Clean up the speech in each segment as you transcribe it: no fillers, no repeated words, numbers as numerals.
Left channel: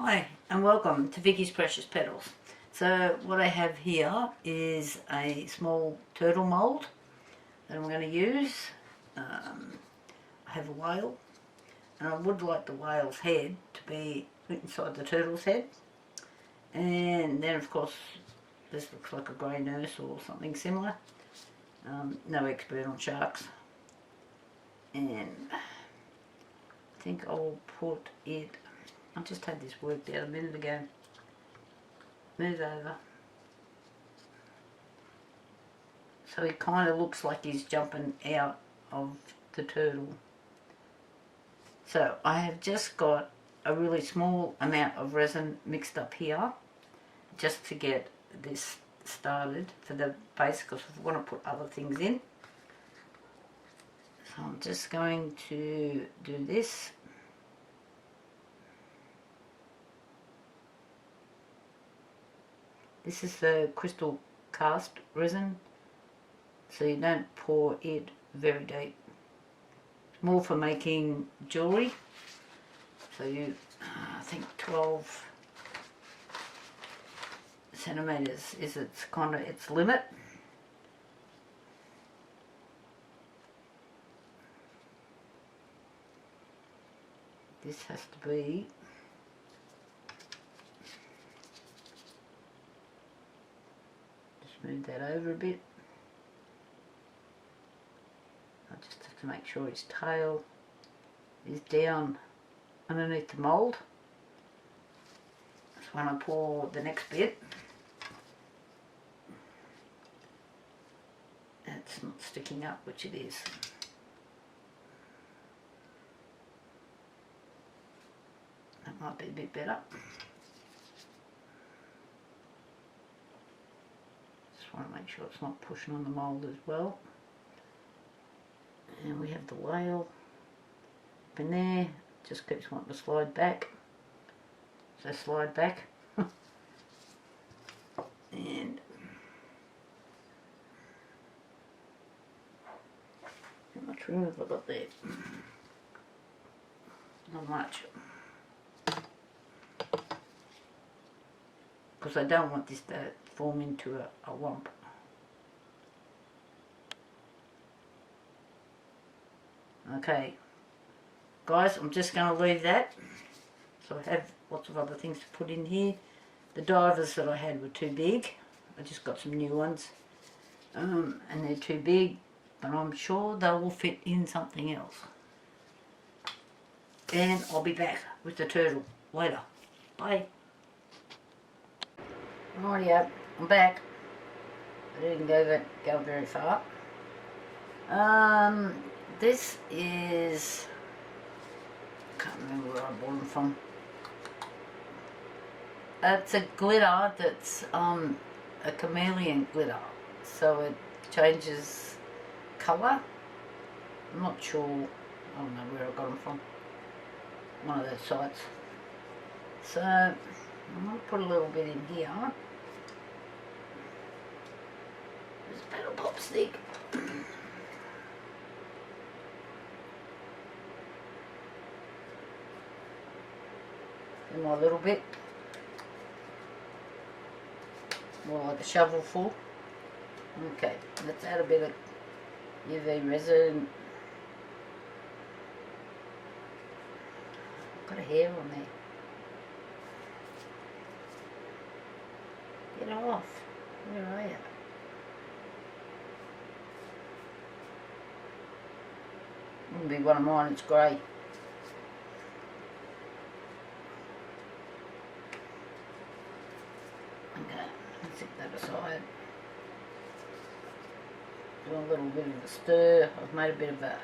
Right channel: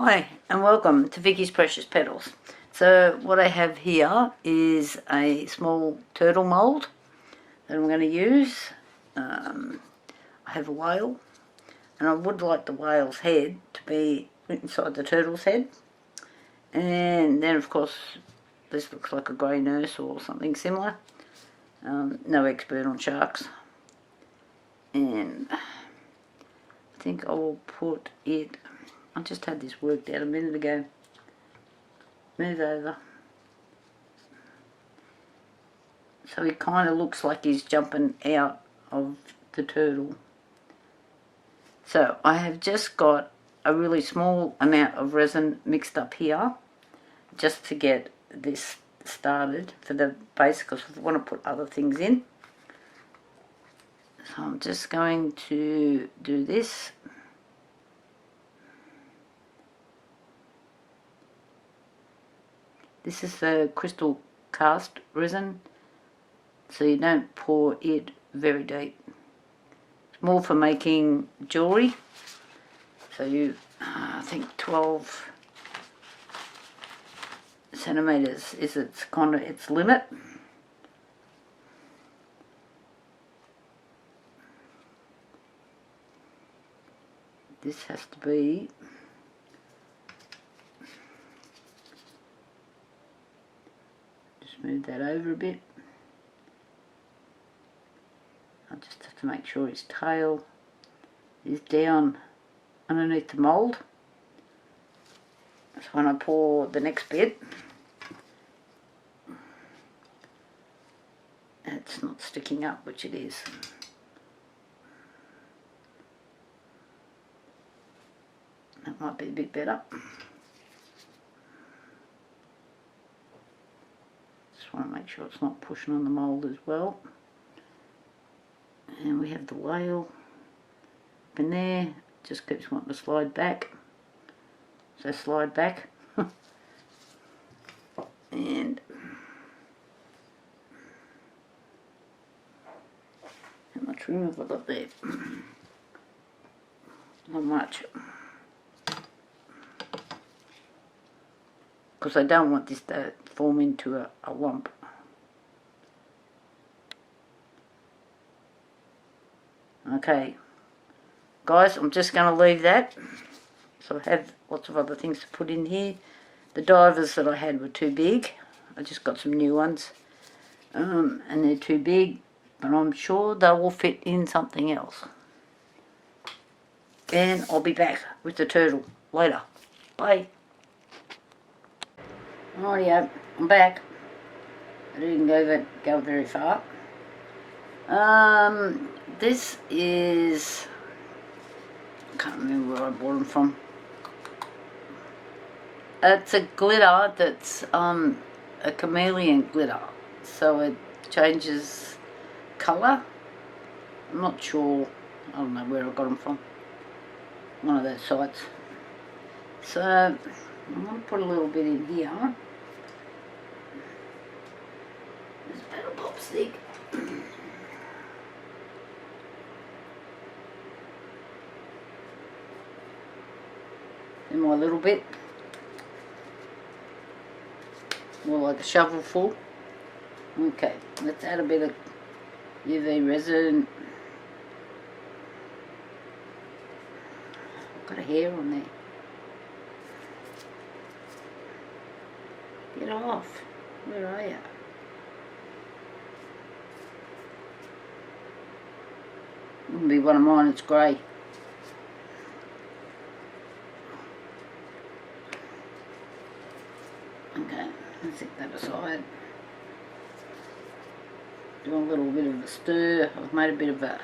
Hi and welcome to Vicky's Precious Petals. So what I have here is a small turtle mould that I'm going to use. I have a whale and I would like the whale's head to be inside the turtle's head. And then of course this looks like a grey nurse or something similar. No expert on sharks. And I think I will put it... I just had this worked out a minute ago. Move over. So he kind of looks like he's jumping out of the turtle. So I have just got a really small amount of resin mixed up here just to get this started for the base, because I want to put other things in. So I'm just going to do this. This is the crystal cast resin, so you don't pour it very deep. It's more for making jewellery. So you, I think 12 centimetres is its kind of its limit. This has to be move that over a bit. I just have to make sure his tail is down underneath the mould. So when I pour the next bit, it's not sticking up, which it is. That might be a bit better. Want to make sure it's not pushing on the mould as well. And we have the whale up in there, just keeps wanting to slide back, so slide back. And how much room have I got there? Not much, because I don't want this to form into a lump. Okay, guys, I'm just going to leave that. So I have lots of other things to put in here. The divers that I had were too big. I just got some new ones. And they're too big, but I'm sure they will fit in something else. And I'll be back with the turtle later. Bye. Rightio, I'm back. I didn't go very far. This is... I can't remember where I bought them from. It's a glitter that's a chameleon glitter, so it changes colour. I'm not sure. I don't know where I got them from. One of those sites. So I'm going to put a little bit in here. There's a petal pop stick. In my little bit. More like a shovel full. Okay, let's add a bit of UV resin. I've got a hair on there. Get off. Where are you? Wouldn't be one of mine, it's grey. Okay, let's set that aside. Do a little bit of a stir. I've made a bit of a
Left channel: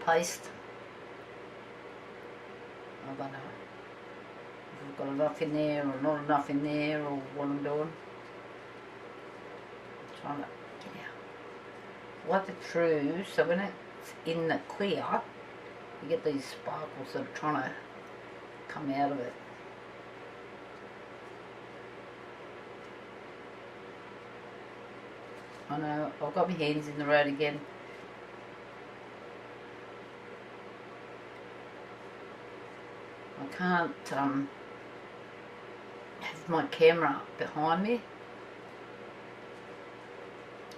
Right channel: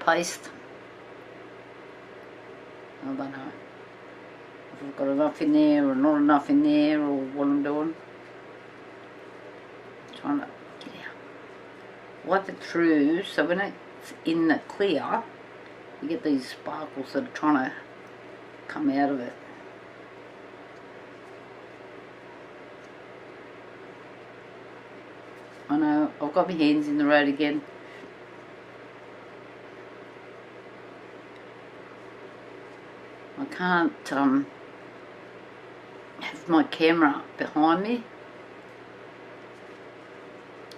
paste. I don't know if I've got enough in there or not enough in there, or what I'm doing. I'm trying to get out. Wipe it through, so when it's in the clear, you get these sparkles that are trying to come out of it. I know, I've got my hands in the road again. I can't with my camera behind me.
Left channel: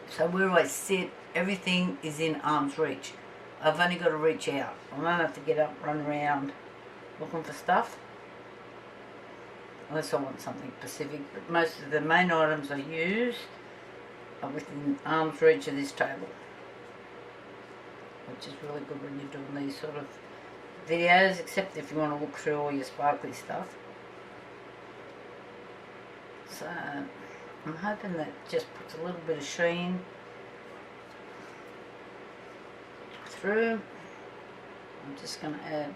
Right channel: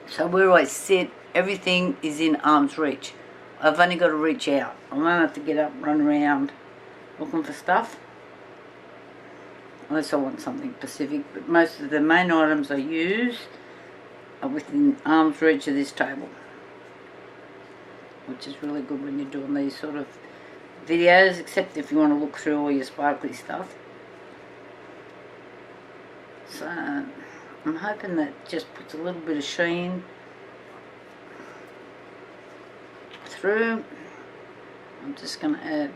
So where I sit, everything is in arm's reach. I've only got to reach out. I don't have to get up and run around looking for stuff. Unless I want something specific. But most of the main items I use are within arm's reach of this table. Which is really good when you're doing these sort of videos, except if you want to look through all your sparkly stuff. So I'm hoping that just puts a little bit of sheen through. I'm just going to add,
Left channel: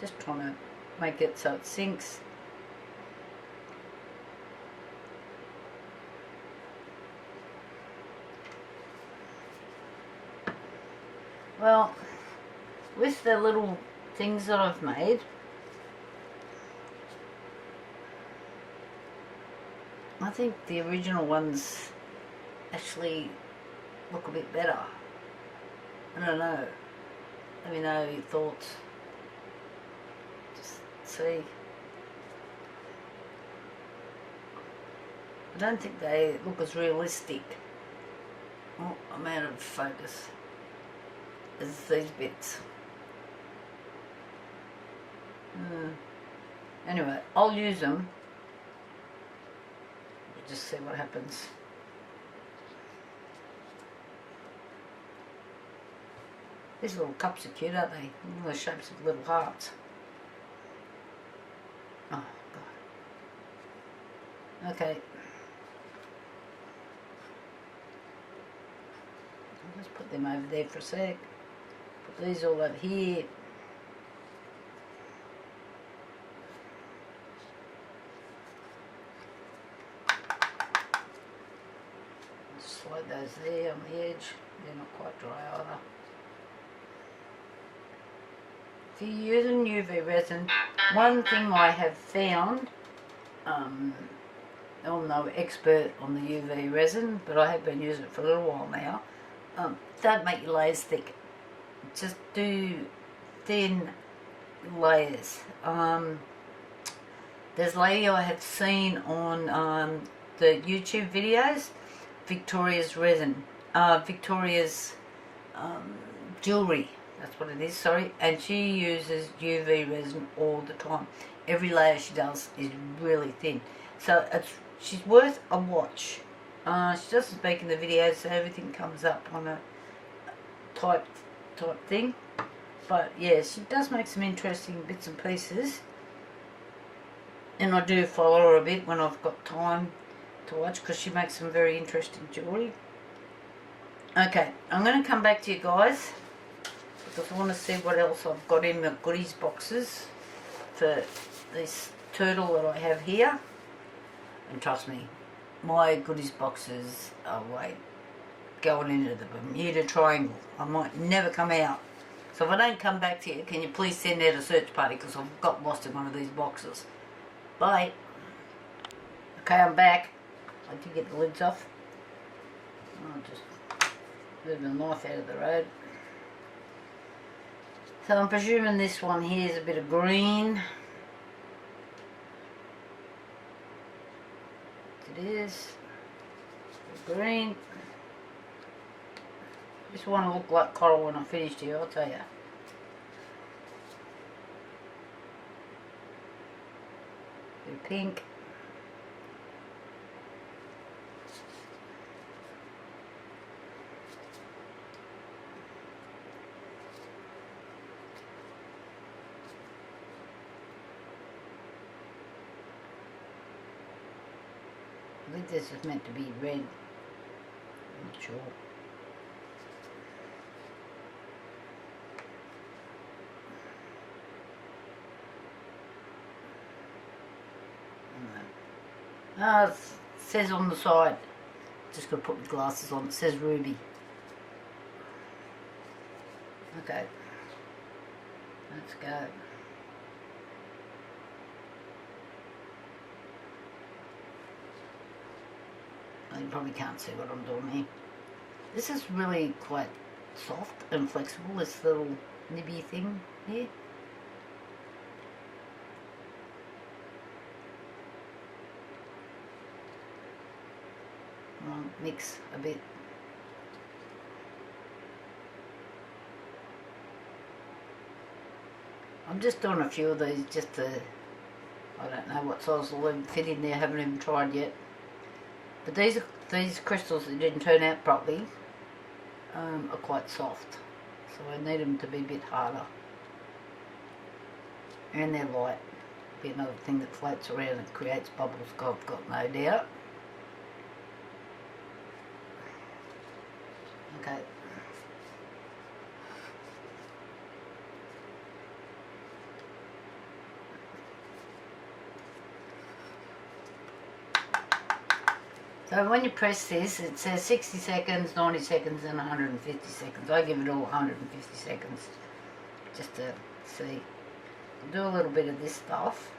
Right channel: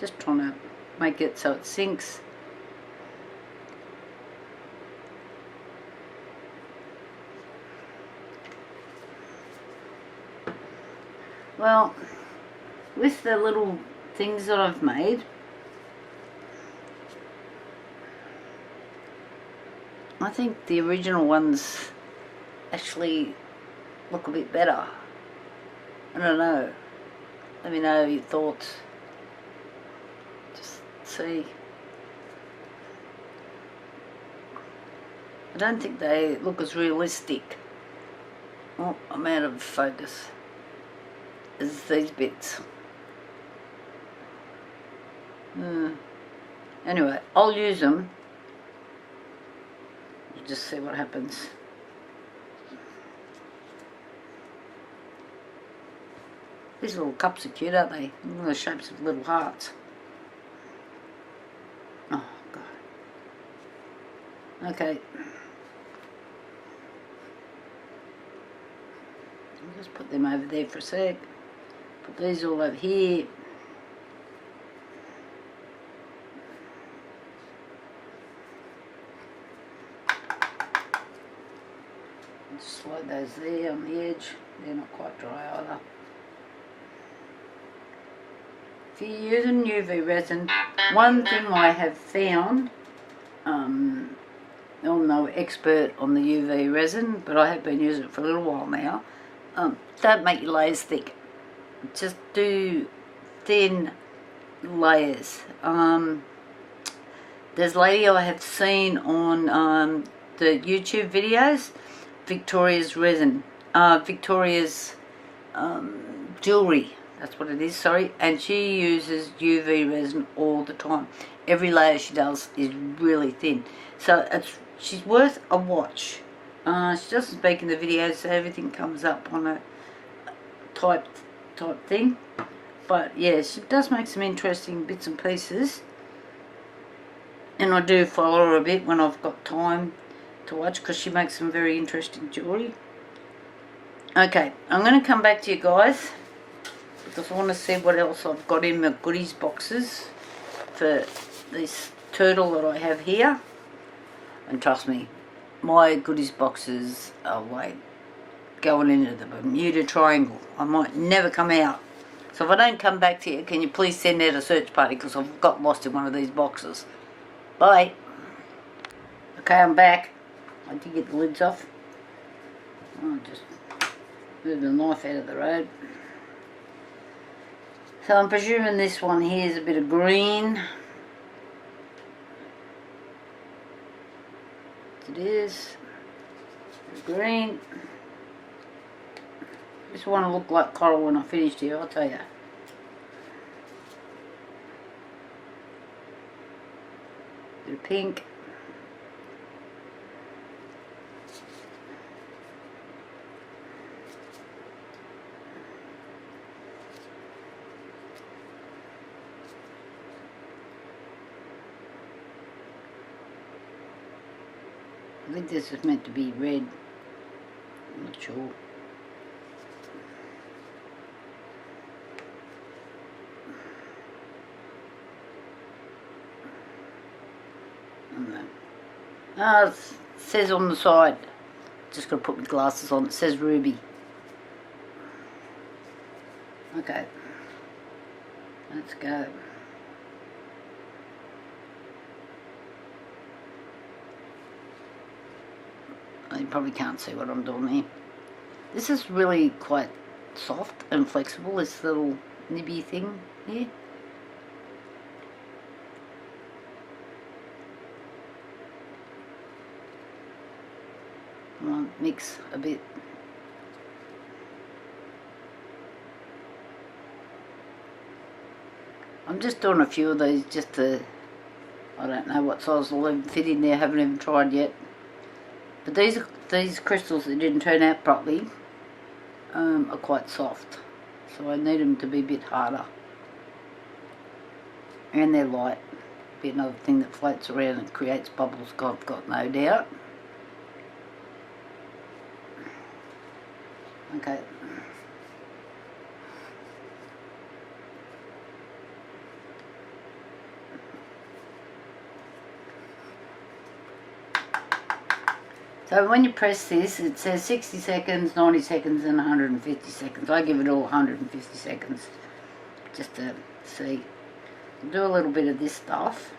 just trying to make it so it sinks. Well, with the little things that I've made, I think the original ones actually look a bit better. I don't know. Let me know your thoughts. Just see. I don't think they look as realistic. Oh, I'm out of focus. As these bits. Anyway, I'll use them. We'll just see what happens. These little cups are cute, aren't they? Look at the shapes of little hearts. Oh, God. Okay. I'll just put them over there for a sec. Put these all over here. Just slide those there on the edge. They're not quite dry either. If you're using UV resin, one thing I have found, I'm no expert on the UV resin, but I have been using it for a little while now. Don't make your layers thick. Just do thin layers. There's a lady I have seen on the YouTube videos, Victoria's resin, Victoria's jewellery, that's what it is, sorry, and she uses UV resin all the time. Every layer she does is really thin, so she's worth a watch. She doesn't speak in the videos, so everything comes up on a type thing, but yes, it does make some interesting bits and pieces, and I do follow her a bit when I've got time to watch, because she makes some very interesting jewellery. Okay, I'm going to come back to you guys because I want to see what else I've got in the goodies boxes for this turtle that I have here. And trust me, my goodies boxes are like going into the Bermuda Triangle. I might never come out. So if I don't come back to you, can you please send out a search party, because I've got lost in one of these boxes. Bye. Okay, I'm back. I did get the lids off. I'll just move the knife out of the road. So I'm presuming this one here is a bit of green. It is. Green. This one will look like coral when I finished here, I'll tell you. Bit of pink. I think this is meant to be red. I'm not sure. It says on the side, just got to put my glasses on, it says ruby. Okay, let's go. You probably can't see what I'm doing here. This is really quite soft and flexible, this little nibby thing here. Come on, mix a bit. I'm just doing a few of these just to, I don't know what size will even fit in there, haven't even tried yet. But these crystals that didn't turn out properly are quite soft, so I need them to be a bit harder. And they're light. Be another thing that floats around and creates bubbles, I've got no doubt. Okay. So when you press this, it says 60 seconds, 90 seconds and 150 seconds. I give it all 150 seconds just to see. I'll do a little bit of this stuff.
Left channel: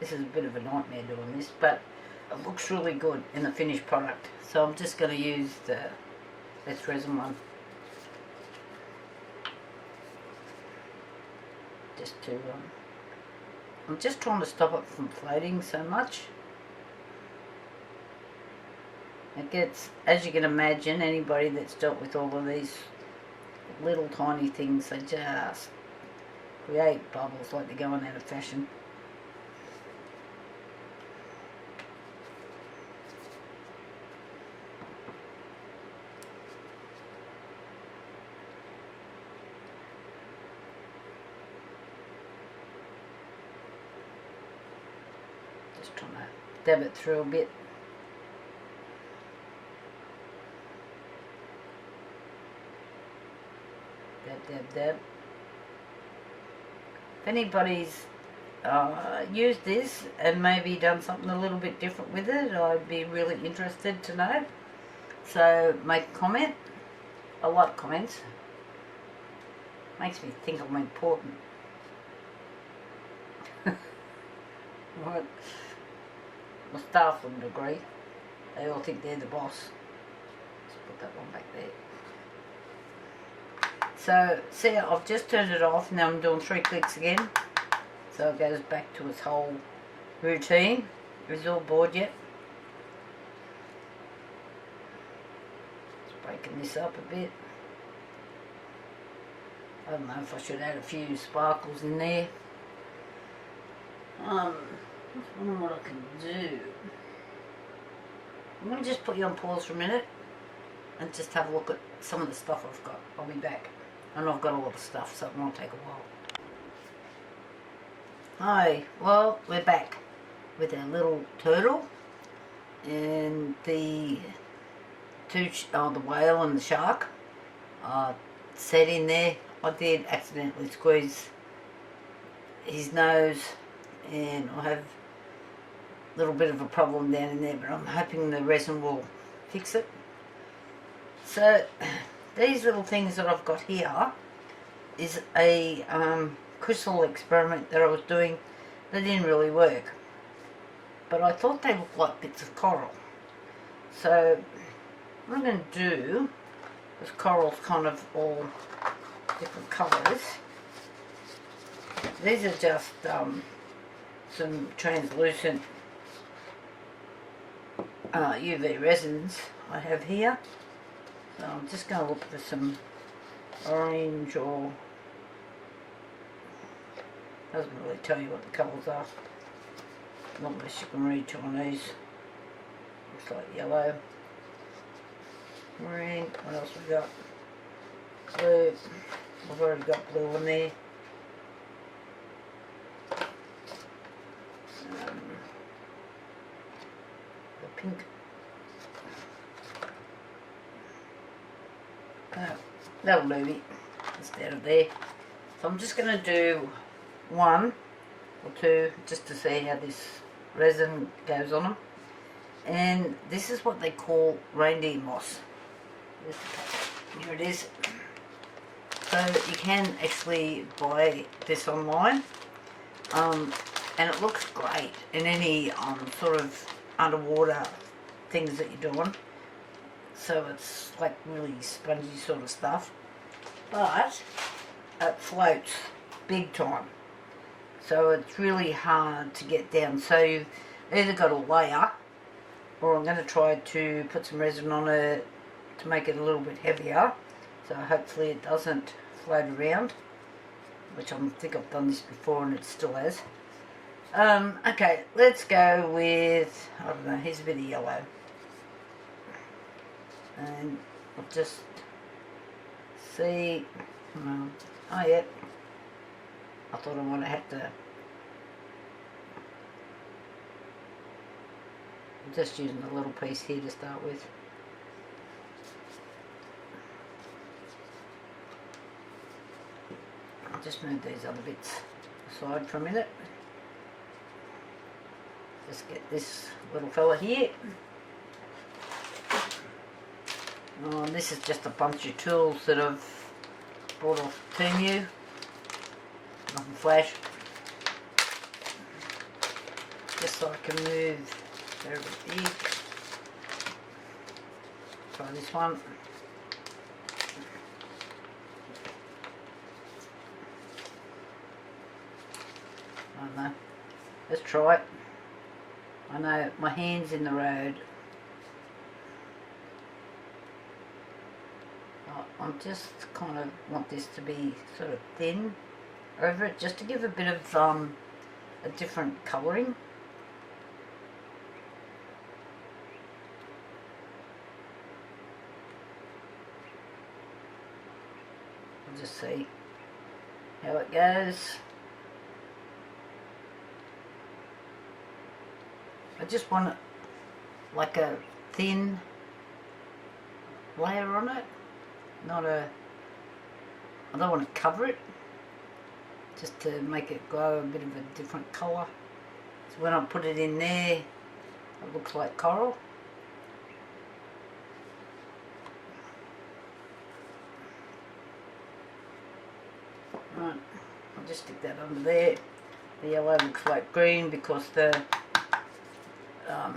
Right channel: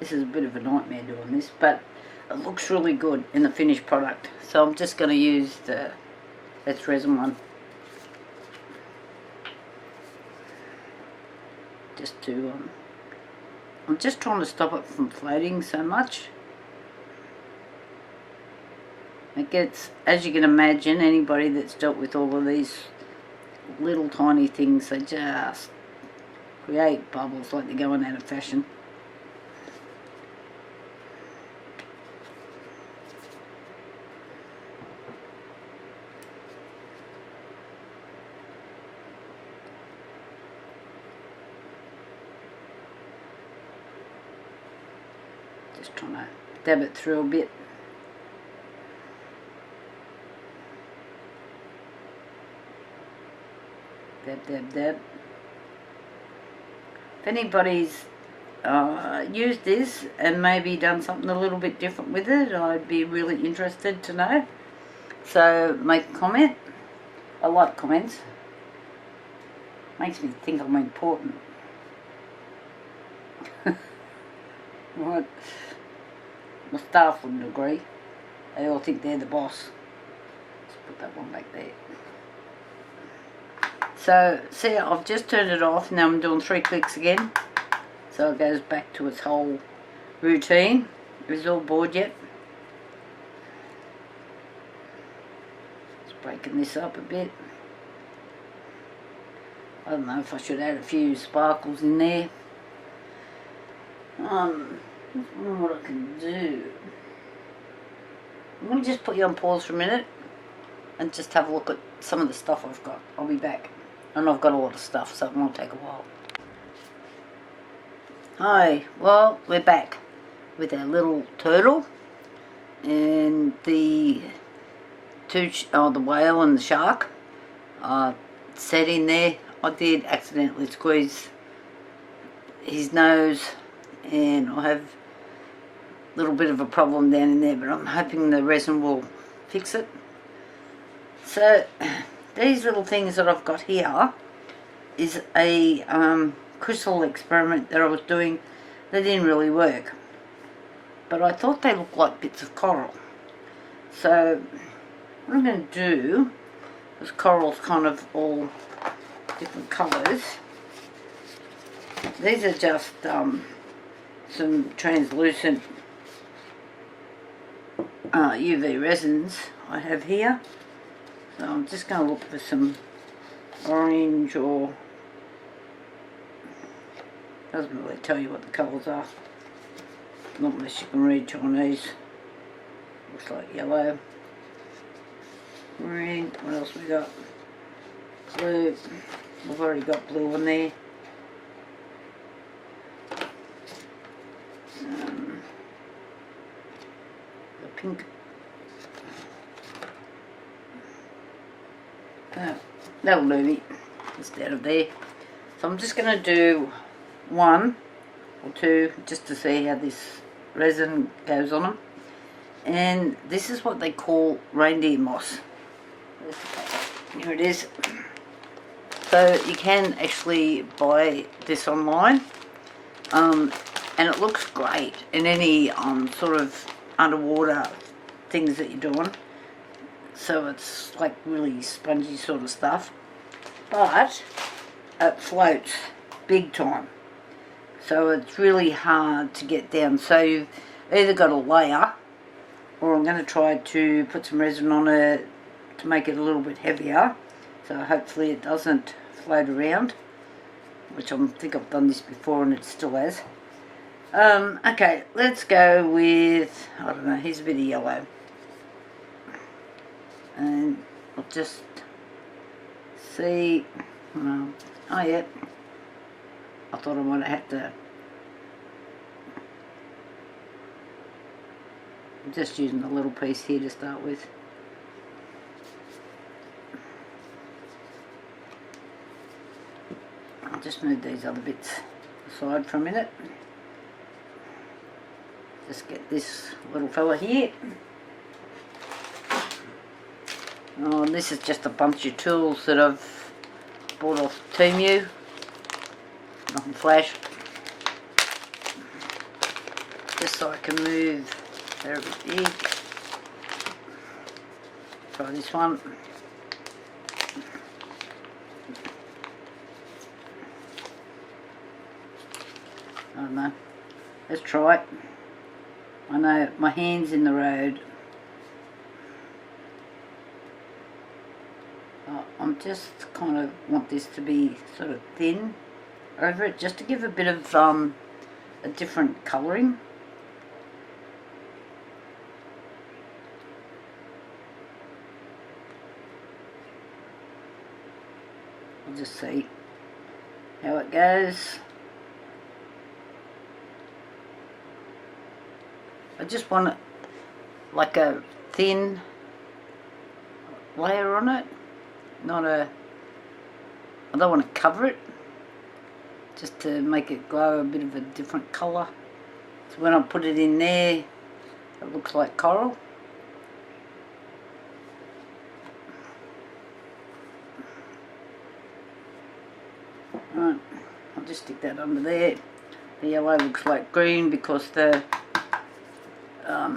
This is a bit of a nightmare doing this, but it looks really good in the finished product. So I'm just going to use this resin one. Just to, I'm just trying to stop it from floating so much. It gets, as you can imagine, anybody that's dealt with all of these little tiny things, they just create bubbles like they're going out of fashion. Just trying to dab it through a bit. Dab, dab, dab. If anybody's used this and maybe done something a little bit different with it, I'd be really interested to know. So make a comment. I like comments. Makes me think I'm important. What? My staff wouldn't agree. They all think they're the boss. Let's put that one back there. So, see, I've just turned it off. Now I'm doing 3 clicks again. So it goes back to its whole routine. Is all bored yet? Just breaking this up a bit. I don't know if I should add a few sparkles in there. Just wondering what I can do. I'm going to just put you on pause for a minute and just have a look at some of the stuff I've got. I'll be back. And I've got a lot of stuff, so it won't take a while. Hi, well, we're back with our little turtle and the the whale and the shark set in there. I did accidentally squeeze his nose and I have a little bit of a problem down in there, but I'm hoping the resin will fix it. So these little things that I've got here is a crystal experiment that I was doing that didn't really work, but I thought they looked like bits of coral. So what I'm going to do, this coral's kind of all different colours. These are just some translucent UV resins I have here. So I'm just going to look for some orange, or doesn't really tell you what the colours are, not unless you can read Chinese. Looks like yellow, green. What else we got? Blue. We've already got blue in there. The pink. That'll do me instead of there. So I'm just going to do 1 or 2 just to see how this resin goes on them. And this is what they call reindeer moss. Here it is. So you can actually buy this online, and it looks great in any sort of underwater things that you're doing. So it's like really spongy sort of stuff. But it floats big time. So it's really hard to get down. So you've either got a layer, or I'm going to try to put some resin on it to make it a little bit heavier. So hopefully it doesn't float around, which I think I've done this before and it still has. Okay, let's go with, I don't know, here's a bit of yellow. And I'll just see, oh yeah, I thought I might have had to, I'm just using a little piece here to start with. I'll just move these other bits aside for a minute. Just get this little fella here. Oh, and this is just a bunch of tools that I've bought off Temu. Nothing flash. Just so I can move. They're a bit big. Try this one. I don't know. Let's try it. I know my hand's in the road. I'm just kind of want this to be sort of thin over it, just to give a bit of a different colouring. We'll just see how it goes. I just want it like a thin layer on it, not a, I don't want to cover it, just to make it glow a bit of a different colour. So when I put it in there, it looks like coral. Right, I'll just stick that under there. The yellow looks like green because the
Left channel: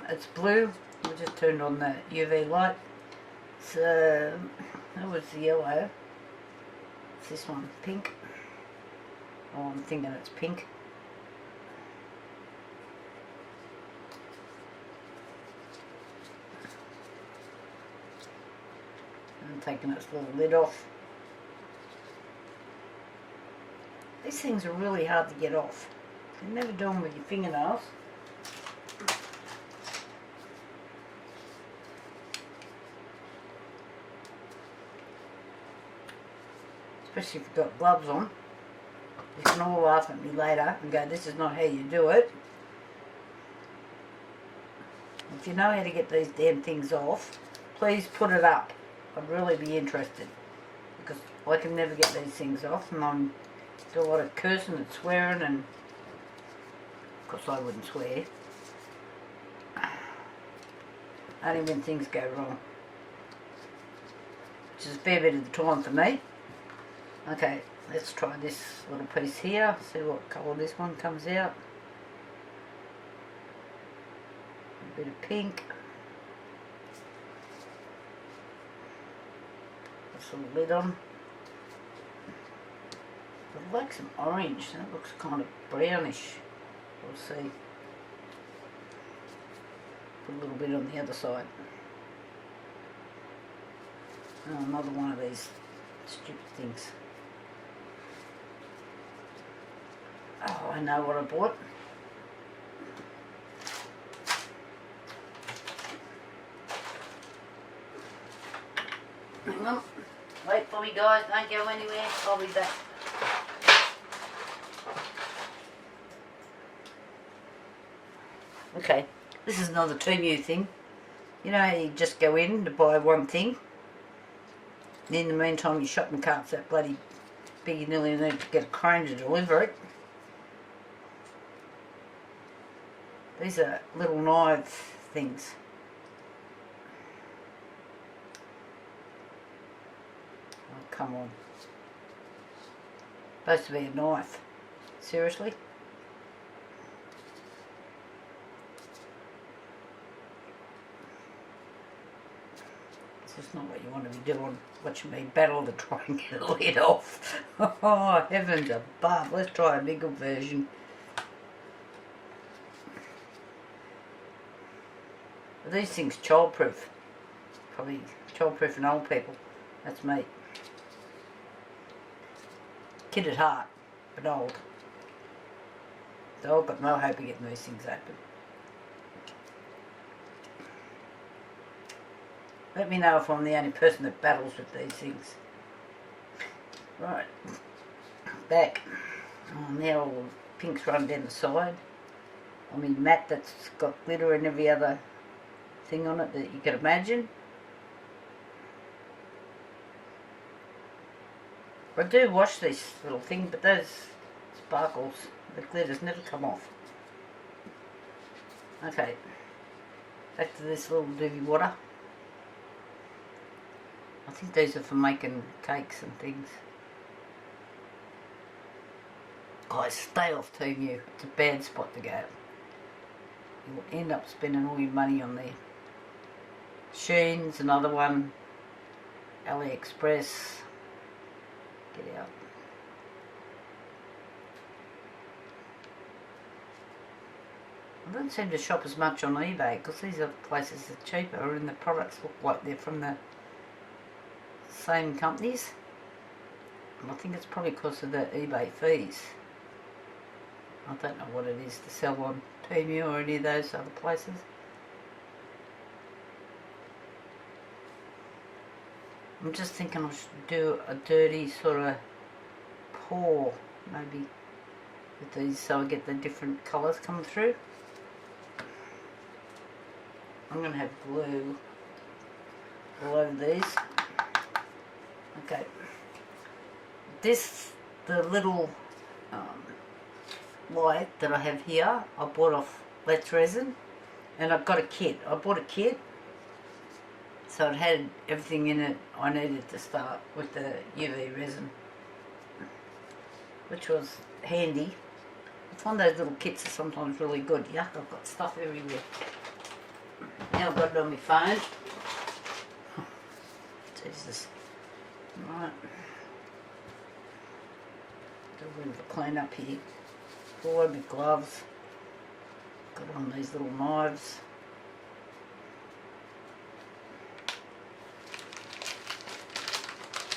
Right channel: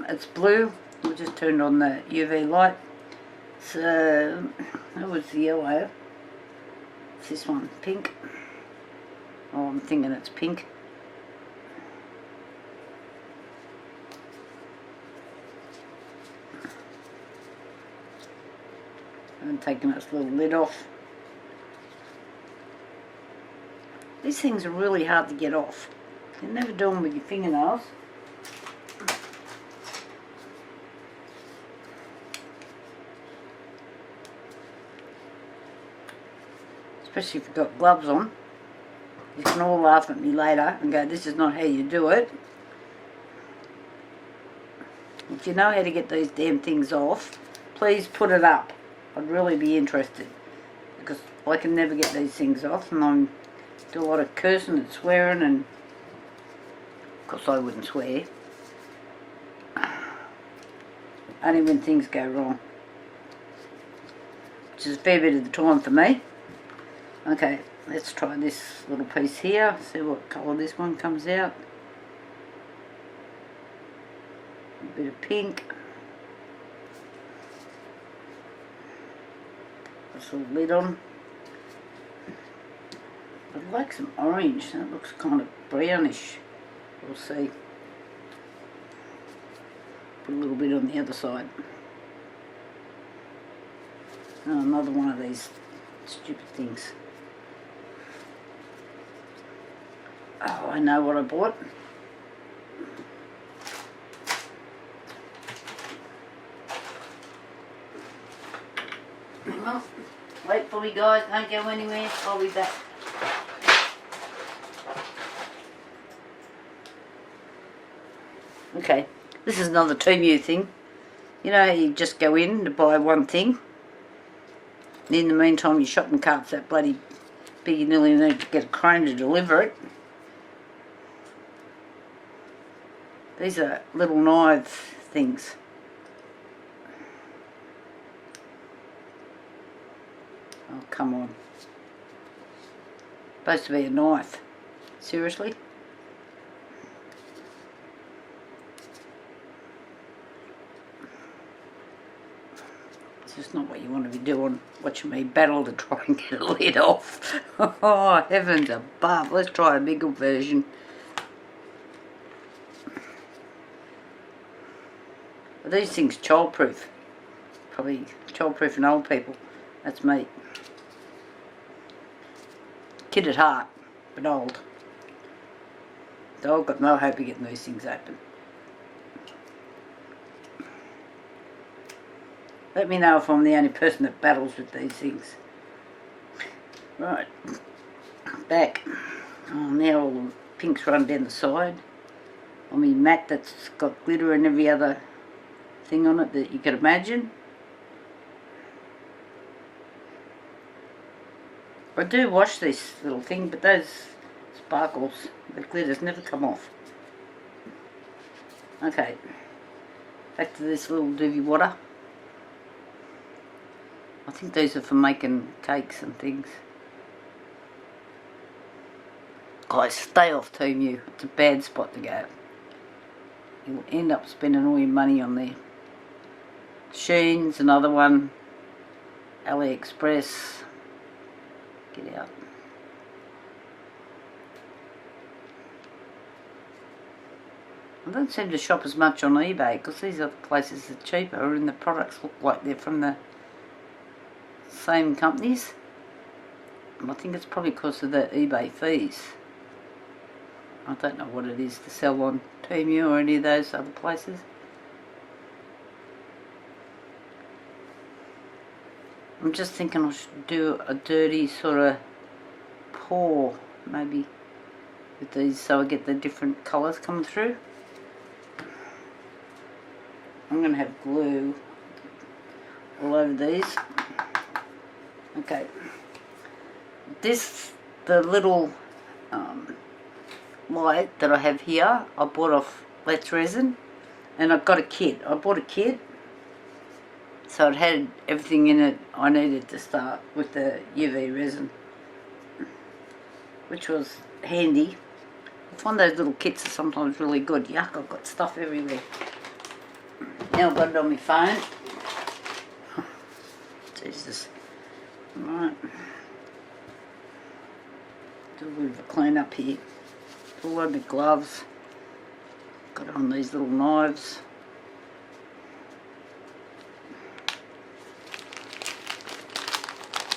it's blue. We just turned on the UV light. So that was the yellow. It's this one, pink. Oh, I'm thinking it's pink. And taking its little lid off. These things are really hard to get off. You never do them with your fingernails. Especially if you've got gloves on. You can all laugh at me later and go, this is not how you do it. If you know how to get these damn things off, please put it up. I'd really be interested, because I can never get these things off, and I do a lot of cursing and swearing, and of course I wouldn't swear. Only when things go wrong, which is a fair bit of the time for me. Okay, let's try this little piece here, see what colour this one comes out. A bit of pink. This little lid on. I'd like some orange, that looks kind of brownish. We'll see. Put a little bit on the other side. Oh, another one of these stupid things. Oh, I know what I bought. Well, wait for me guys, don't go anywhere, I'll be back. Okay, this is another Temu thing. You know how you just go in to buy one thing, and in the meantime your shopping cart's that bloody big you nearly need to get a crane to deliver it. These are little knife things. Oh, come on. Supposed to be a knife. Seriously? It's just not what you want to be doing, watching me battle to try and get a lid off. Oh, heavens above. Let's try a bigger version. Are these things childproof? Probably childproof and old people. That's me. Kid at heart, but old. So I've got no hope of getting these things open. Let me know if I'm the only person that battles with these things. Right, back. Oh, now all the pinks run down the side. On my mat that's got glitter and every other thing on it that you could imagine. I do wash this little thing, but those sparkles, the glitters never come off. Okay, back to this little doobie water. I think these are for making cakes and things. Guys, stay off Temu. It's a bad spot to go. You'll end up spending all your money on there. Shein's another one. AliExpress. Get out. I don't seem to shop as much on eBay because these other places are cheaper and the products look like they're from the same companies. I think it's probably because of the eBay fees. I don't know what it is to sell on Temu or any of those other places. I'm just thinking I should do a dirty sort of pour maybe with these so I get the different colours coming through. I'm going to have glue all over these. Okay. This, the little light that I have here, I bought off Resin, and I've got a kit. I bought a kit, so it had everything in it I needed to start with the UV resin, which was handy. I find those little kits are sometimes really good. Yuck, I've got stuff everywhere. Now I've got it on my phone. Jesus. Right. Do a bit of a clean up here. All over the gloves. Got it on these little knives.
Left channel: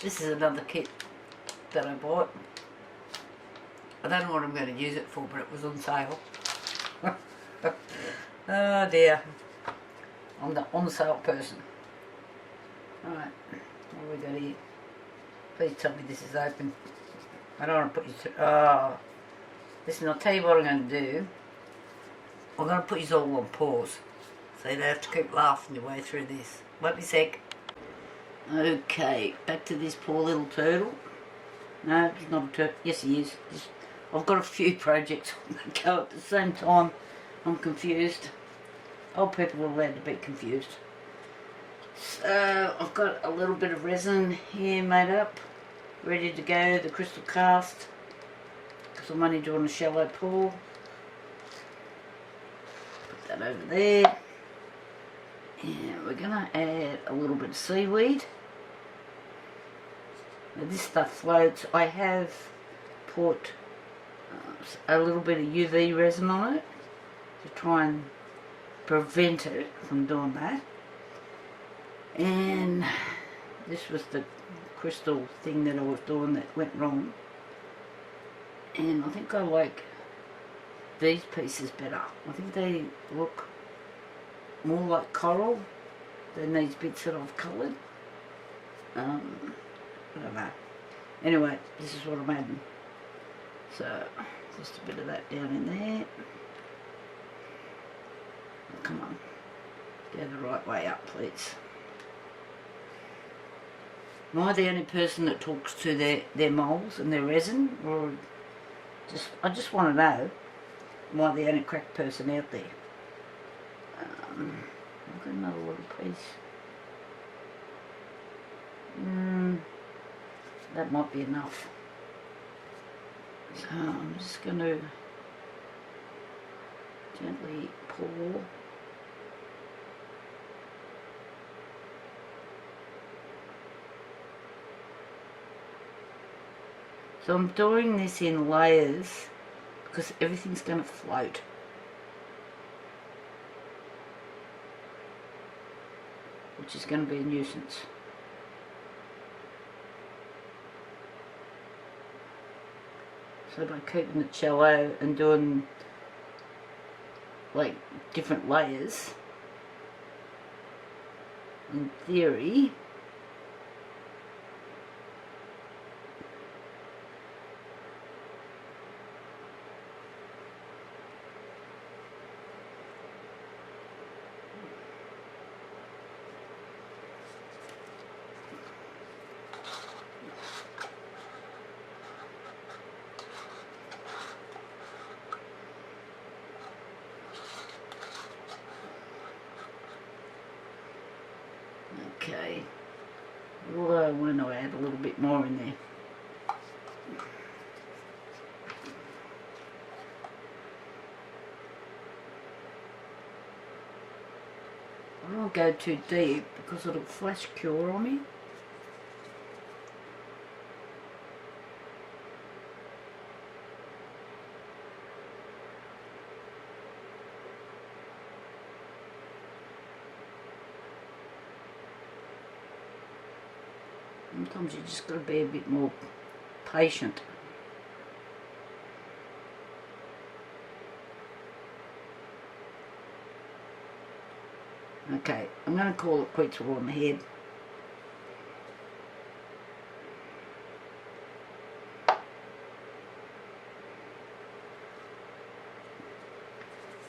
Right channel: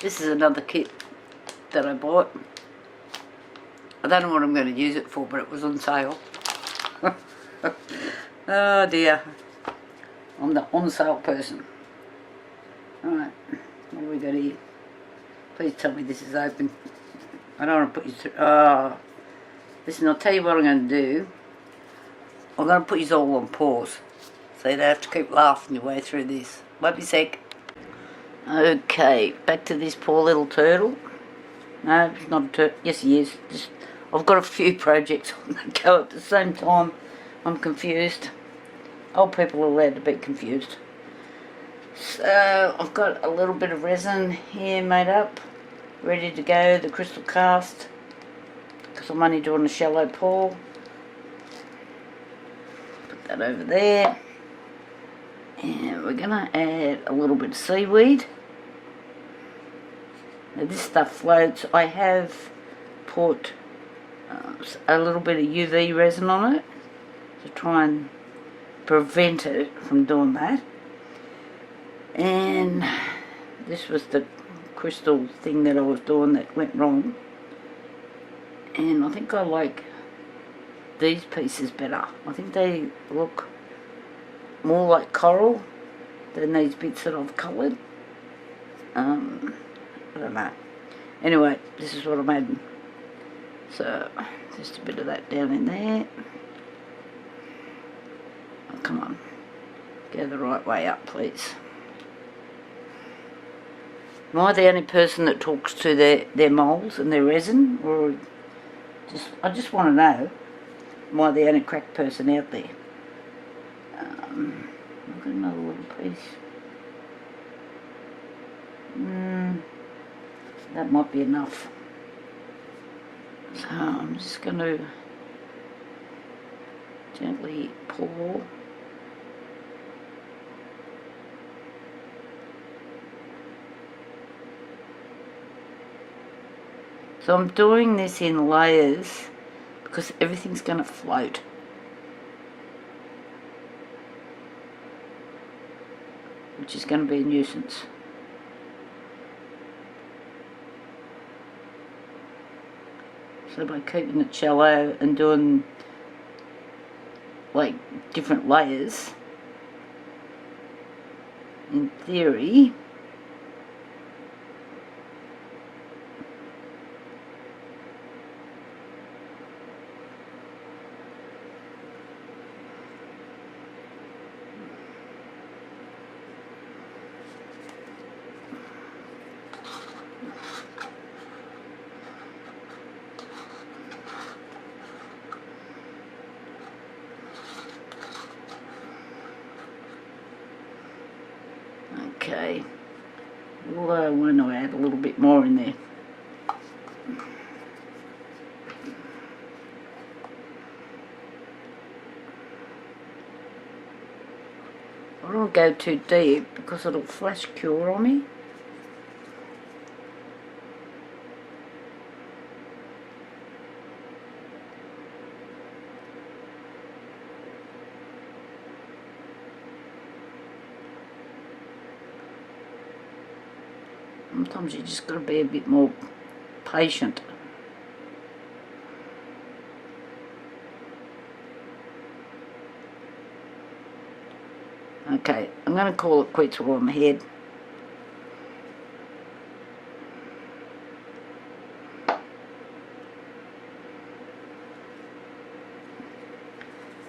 This is another kit that I bought. I don't know what I'm going to use it for, but it was on sale. Oh dear. I'm the on sale person. Alright, what do we got here? Please tell me this is open. I don't want to put you through. Listen, I'll tell you what I'm going to do. I'm going to put you all on pause, so you don't have to keep laughing your way through this. Wait a sec. Okay, back to this poor little turtle. No, it's not a turtle. Yes, he is. I've got a few projects on the go at the same time. I'm confused. Old people are allowed to be confused. So, I've got a little bit of resin here made up, ready to go, the crystal cast, because I'm only doing a shallow pour. Put that over there. And we're going to add a little bit of seaweed. Now this stuff floats. I have put a little bit of UV resin on it to try and prevent it from doing that. And this was the crystal thing that I was doing that went wrong. And I think I like these pieces better. I think they look more like coral than these bits that I've coloured. I don't know. Anyway, this is what I'm adding. So, just a bit of that down in there. Oh, come on. Go the right way up, please. Am I the only person that talks to their moulds and their resin? Or I just want to know, am I the only cracked person out there? I've got another little piece. That might be enough. So I'm just going to gently pour. So I'm doing this in layers because everything's going to float. Which is going to be a nuisance. So by keeping it shallow and doing like different layers, in theory, okay, although why not add a little bit more in there. I don't go too deep because it'll flash cure on me. Sometimes you just got to be a bit more patient. Okay, I'm going to call it quits while I'm ahead.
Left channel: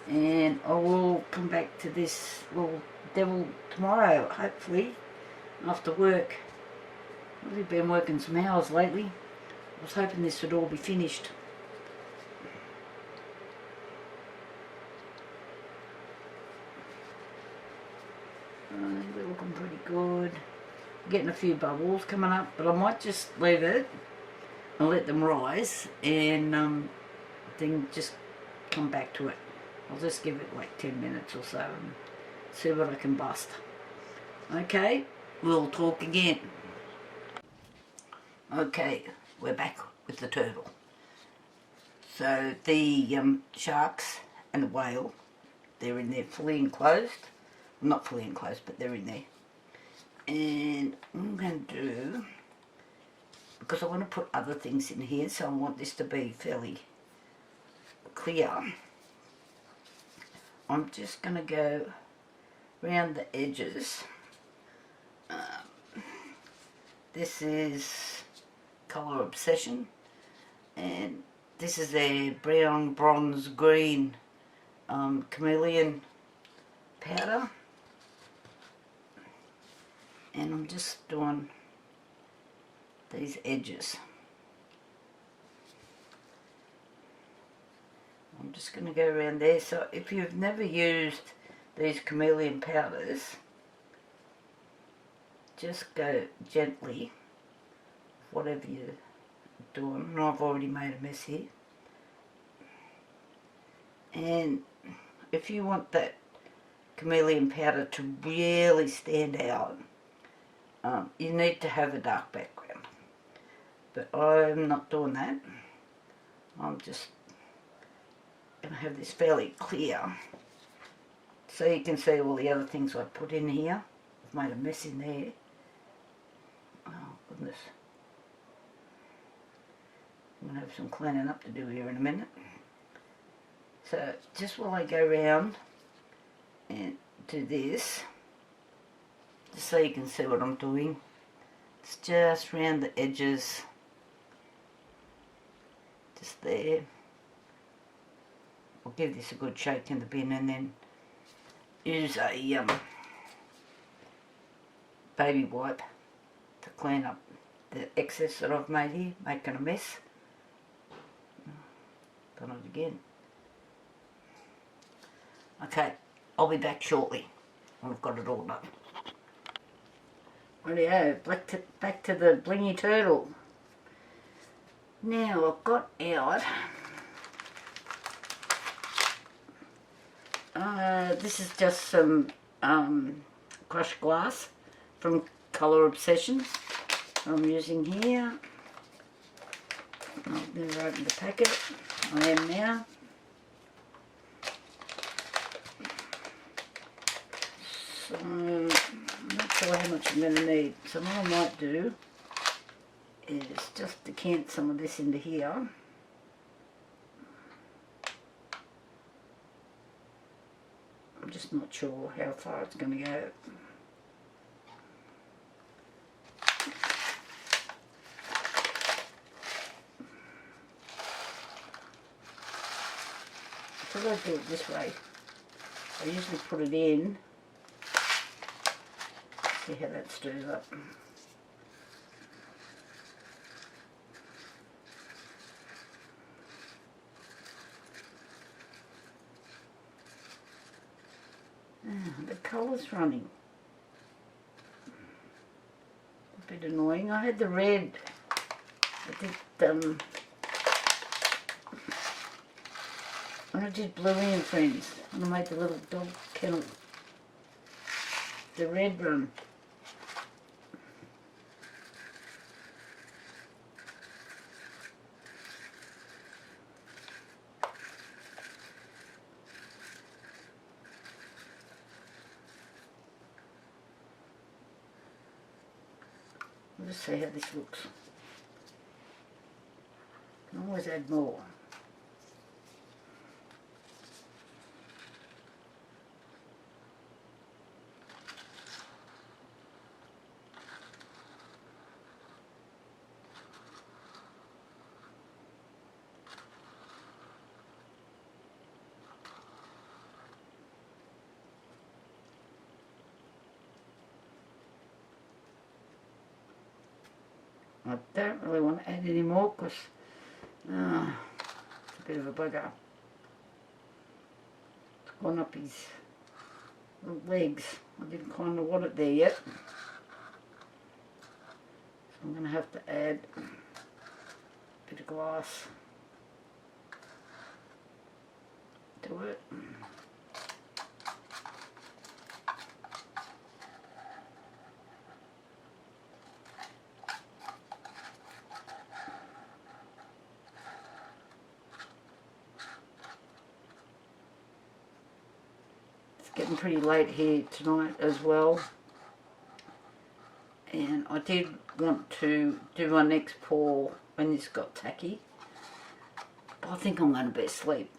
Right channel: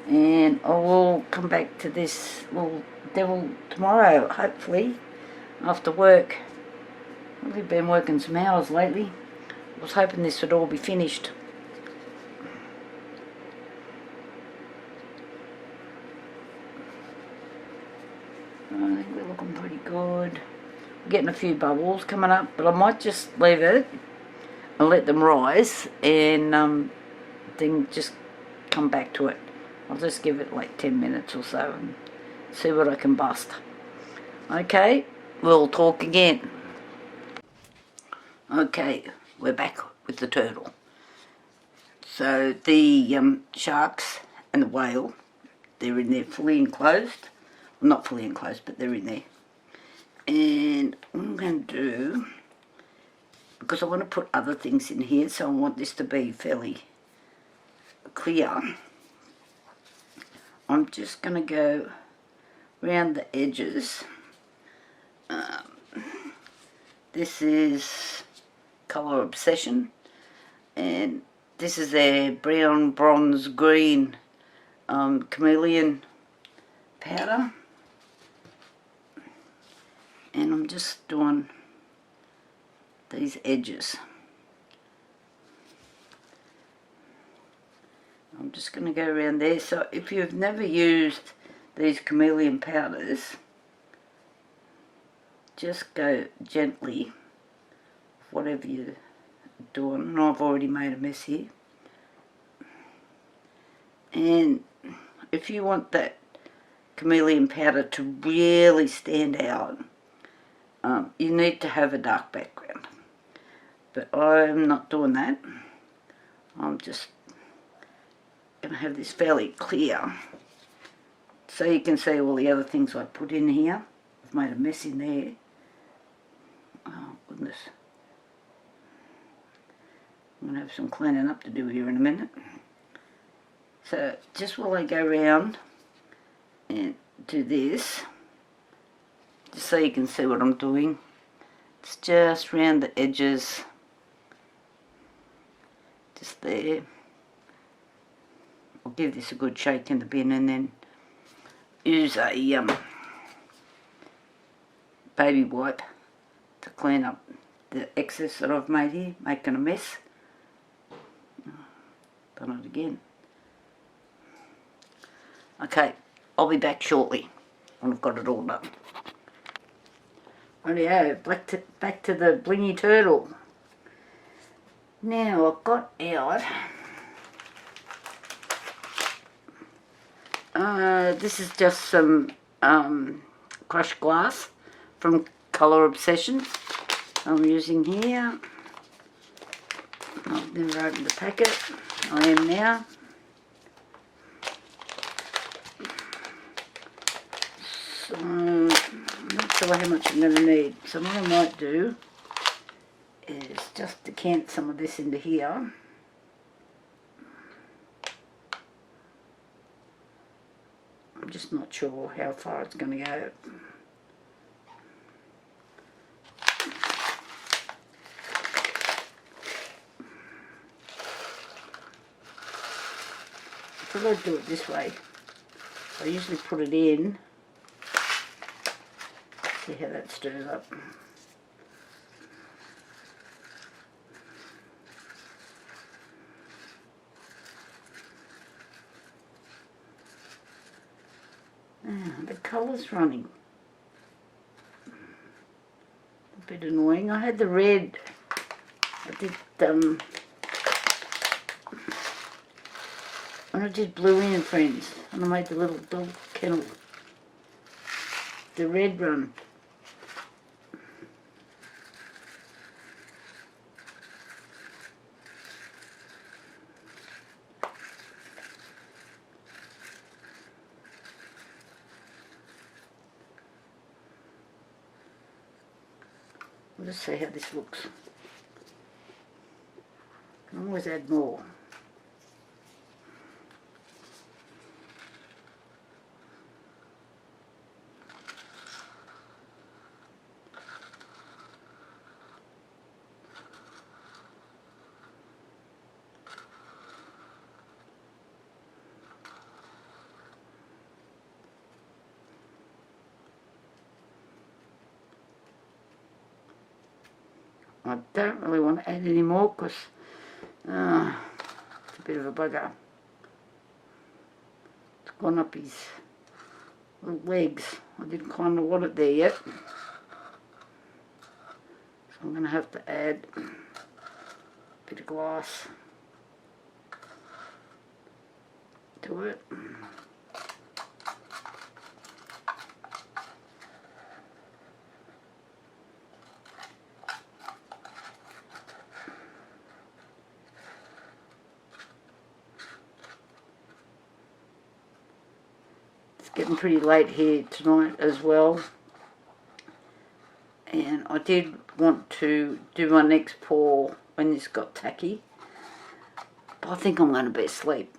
And I will come back to this little devil tomorrow, hopefully, after work. We've been working some hours lately. I was hoping this would all be finished. I think we're looking pretty good. We're getting a few bubbles coming up, but I might just leave it and let them rise and then just come back to it. I'll just give it like 10 minutes or so and see what I can bust. Okay, we'll talk again. Okay, we're back with the turtle. So the sharks and the whale, they're in there fully enclosed. Well, not fully enclosed, but they're in there. And what I'm going to do, because I want to put other things in here, so I want this to be fairly clear, I'm just going to go around the edges. This is Colour Obsession, and this is their brown, bronze, green chameleon powder, and I'm just doing these edges. I'm just going to go around there. So if you've never used these chameleon powders, just go gently, whatever you're doing. And I've already made a mess here. And if you want that chameleon powder to really stand out, you need to have a dark background. But I'm not doing that. I'm just going to have this fairly clear, so you can see all the other things I put in here. I've made a mess in there. Oh goodness. I'm going to have some cleaning up to do here in a minute. So just while I go around and do this, just so you can see what I'm doing, it's just round the edges, just there. I'll give this a good shake in the bin and then use a baby wipe to clean up the excess that I've made here, making a mess. Done it again. Okay, I'll be back shortly when I've got it all done. Rightio, back to the blingy turtle. Now I've got out, this is just some crushed glass from Colour Obsession I'm using here. I've never opened the packet. I am now. So, I'm not sure how much I'm going to need. So what I might do is just decant some of this into here. I'm just not sure how far it's going to go. I thought I'd do it this way. I usually put it in. See how that stirs up. The colour's running. A bit annoying. I had the red. I did when I did Blue and Friends, and I made the little dog kennel. The red run. We'll just see how this looks. Can always add more. I don't really want to add any more because it's a bit of a bugger. It's gone up his little legs. I didn't kind of want it there yet. So I'm going to have to add a bit of glass to it. Getting pretty late here tonight as well, and I did want to do my next pour when this got tacky, but I think I'm going to be asleep.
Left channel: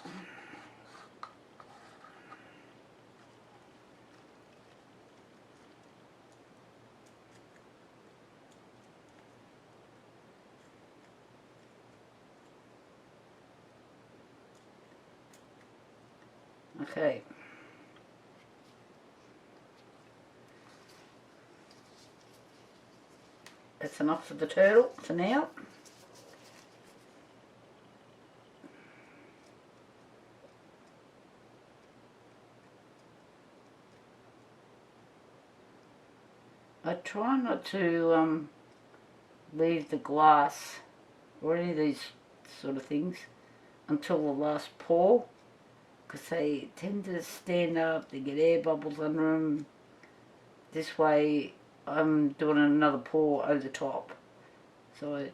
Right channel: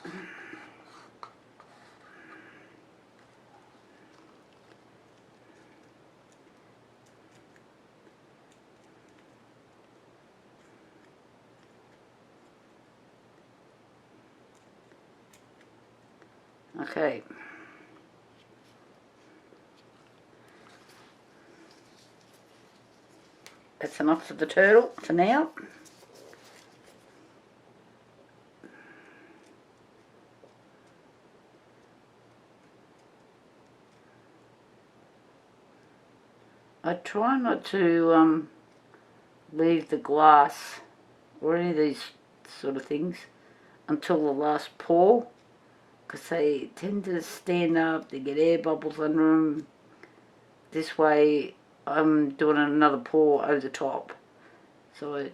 Okay. That's enough for the turtle for now. I try not to leave the glass or any of these sort of things until the last pour, because they tend to stand up, they get air bubbles under them. This way I'm doing another pour over the top, so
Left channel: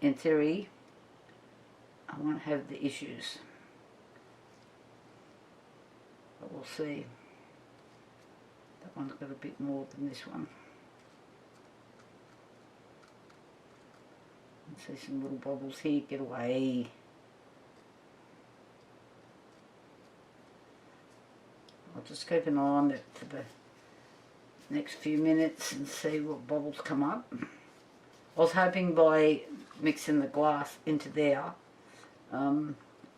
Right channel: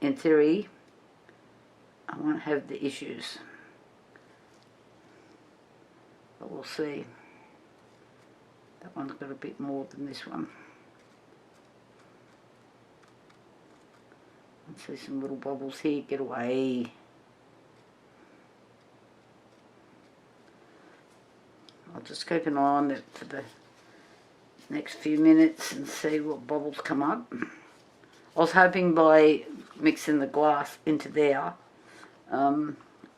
in theory I won't have the issues, but we'll see. That one's got a bit more than this one. See some little bubbles here, get away. I'll just keep an eye on it for the next few minutes and see what bubbles come up. I was hoping by mixing the glass into there, I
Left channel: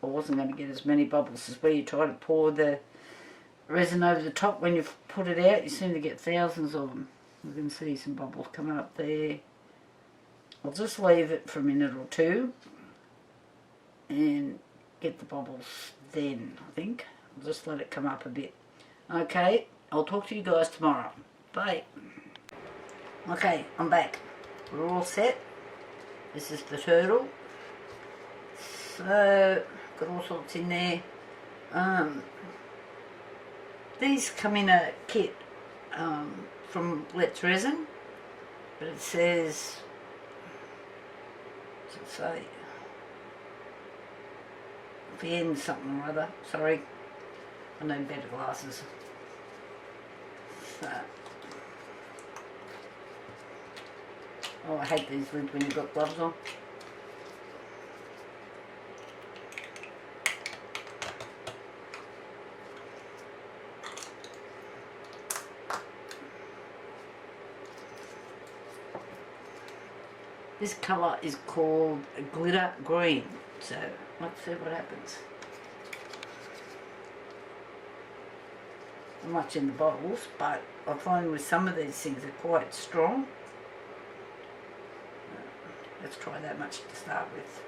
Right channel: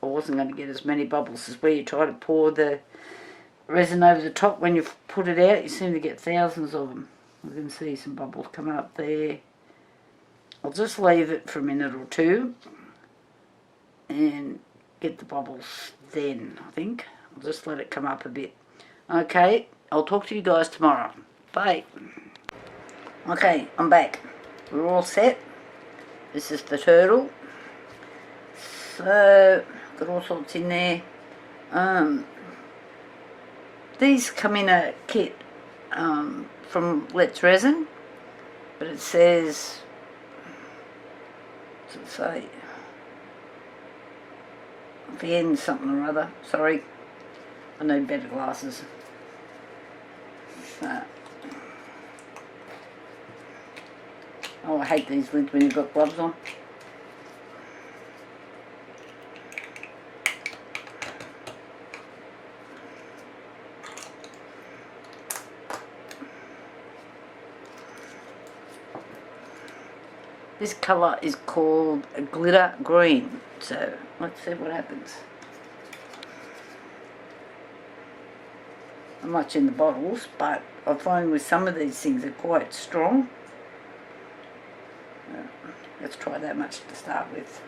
wasn't going to get as many bubbles as where you try to pour the resin over the top. When you put it out, you seem to get thousands of them. I can see some bubbles coming up there. I'll just leave it for a minute or two and get the bubbles then, I think. I'll just let it come up a bit. Okay, I'll talk to you guys tomorrow. Bye. Okay, I'm back. We're all set. This is the turtle. So, got all sorts in there. These come in a kit from Let's Resin, but it says, what's it say? Fan something or other. Sorry, I need better glasses. So. Oh, I hate these lids when you've got gloves on. This colour is called glitter green, so let's see what happens. Not much in the bottles, but I find with some of these things they're quite strong. Let's try that much to start with.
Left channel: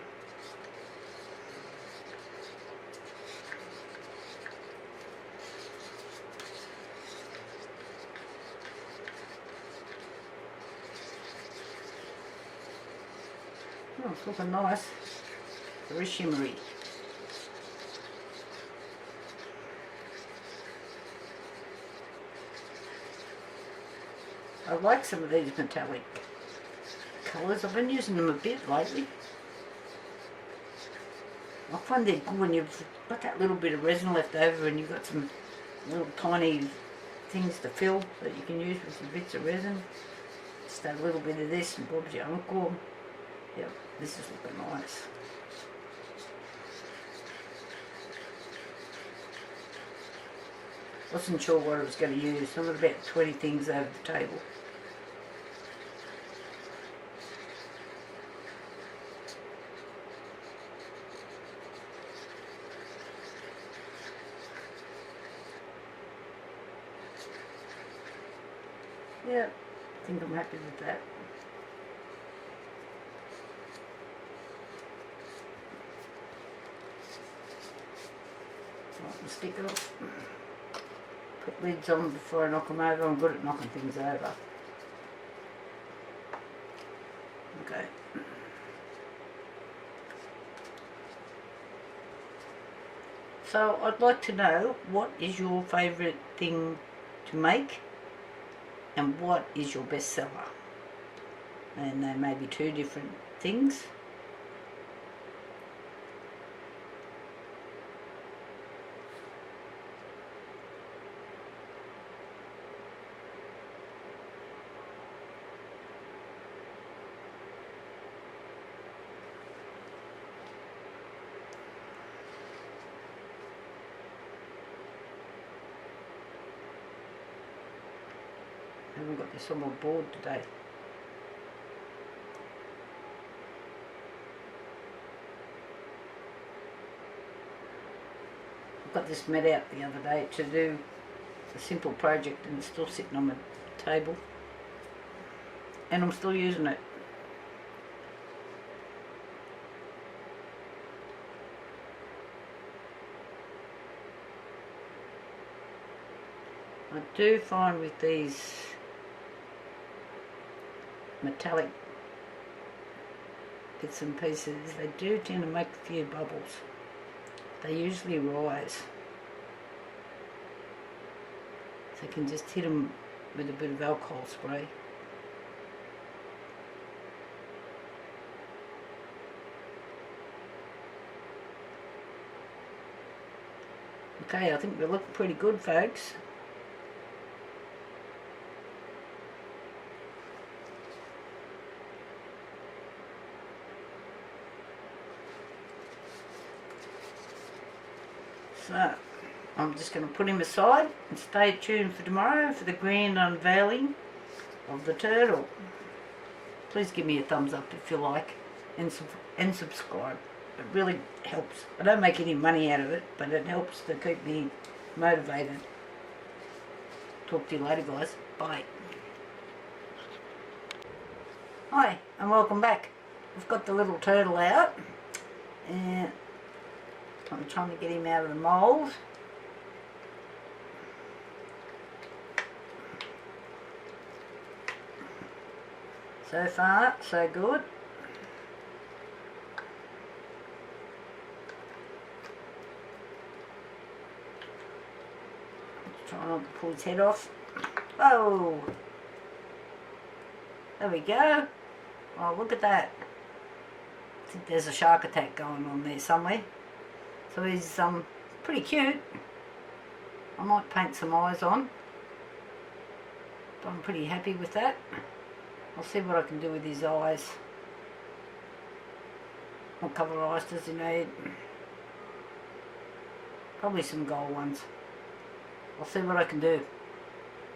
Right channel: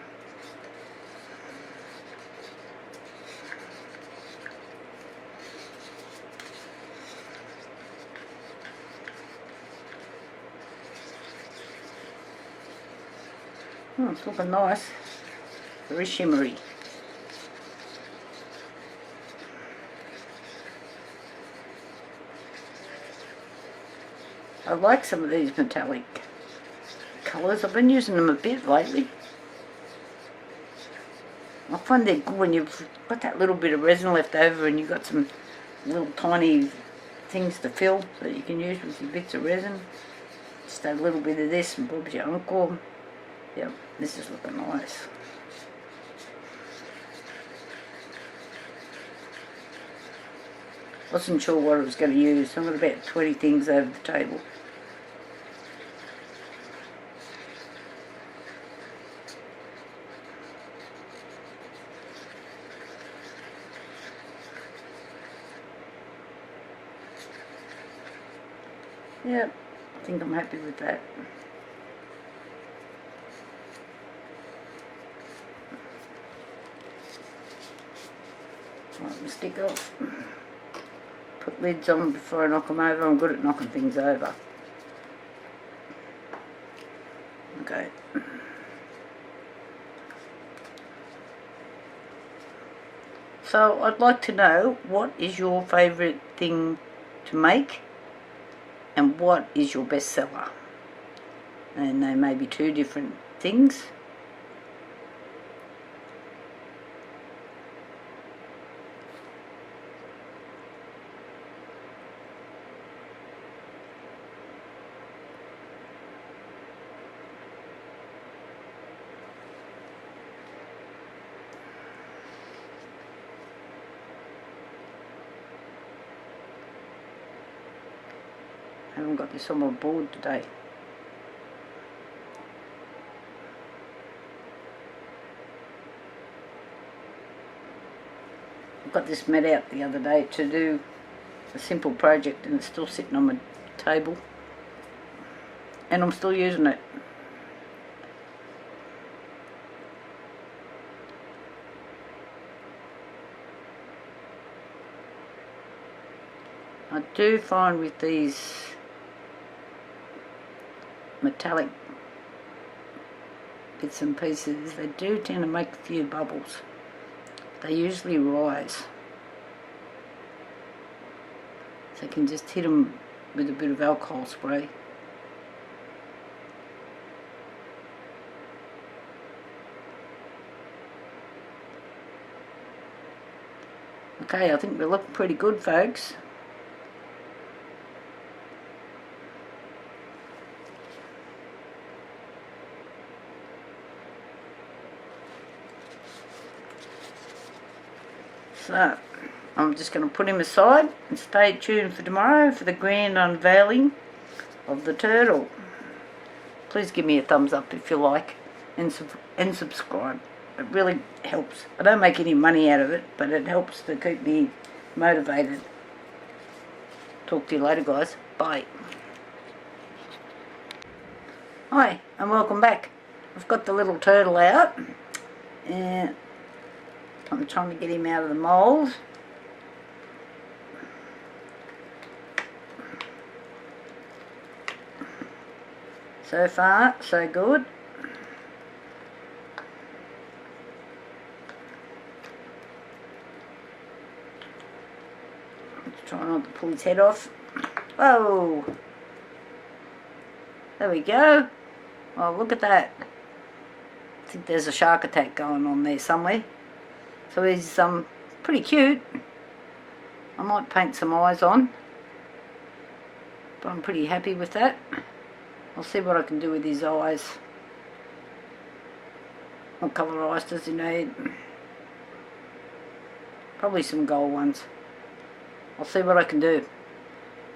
Oh, it's looking nice. Very shimmery. I like some of these metallic colours. I've been using them a bit lately. I find they're good when you've got that little bit of resin left over and you've got some little tiny things to fill that you can use with your bits of resin. Just a little bit of this and Bob's your uncle. Yep, this is looking nice. Wasn't sure what I was going to use. I've got about 20 things over the table. Yep, I think I'm happy with that. Wipe the stick off. Put lids on before I knock them over. I'm good at knocking things over. Okay. So I'd like to know, what is your favourite thing to make and what is your best seller? And they may be two different things. I haven't got this on my board today. I got this met out the other day to do a simple project and it's still sitting on my table. And I'm still using it. I do find with these metallic bits and pieces, they do tend to make a few bubbles. They usually rise. So you can just hit them with a bit of alcohol spray. Okay, I think they look pretty good, folks. So, I'm just going to put him aside and stay tuned for tomorrow for the grand unveiling of the turtle. Please give me a thumbs up if you like and subscribe. It really helps. I don't make any money out of it, but it helps to keep me motivated. Talk to you later, guys. Bye. Hi, and welcome back. I've got the little turtle out and I'm trying to get him out of the mould. So far, so good. Let's try not to pull his head off. Oh! There we go. Oh, look at that. I think there's a shark attack going on there somewhere. So he's pretty cute. I might paint some eyes on, but I'm pretty happy with that. I'll see what I can do with his eyes. What colour eyes does he need? Probably some gold ones. I'll see what I can do.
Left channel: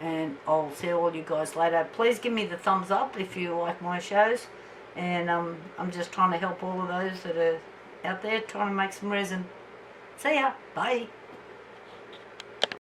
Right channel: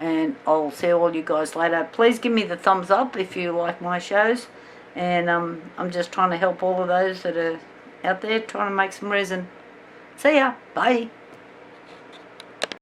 And I'll see all you guys later. Please give me the thumbs up if you like my shows. And I'm just trying to help all of those that are out there trying to make some resin. See ya. Bye.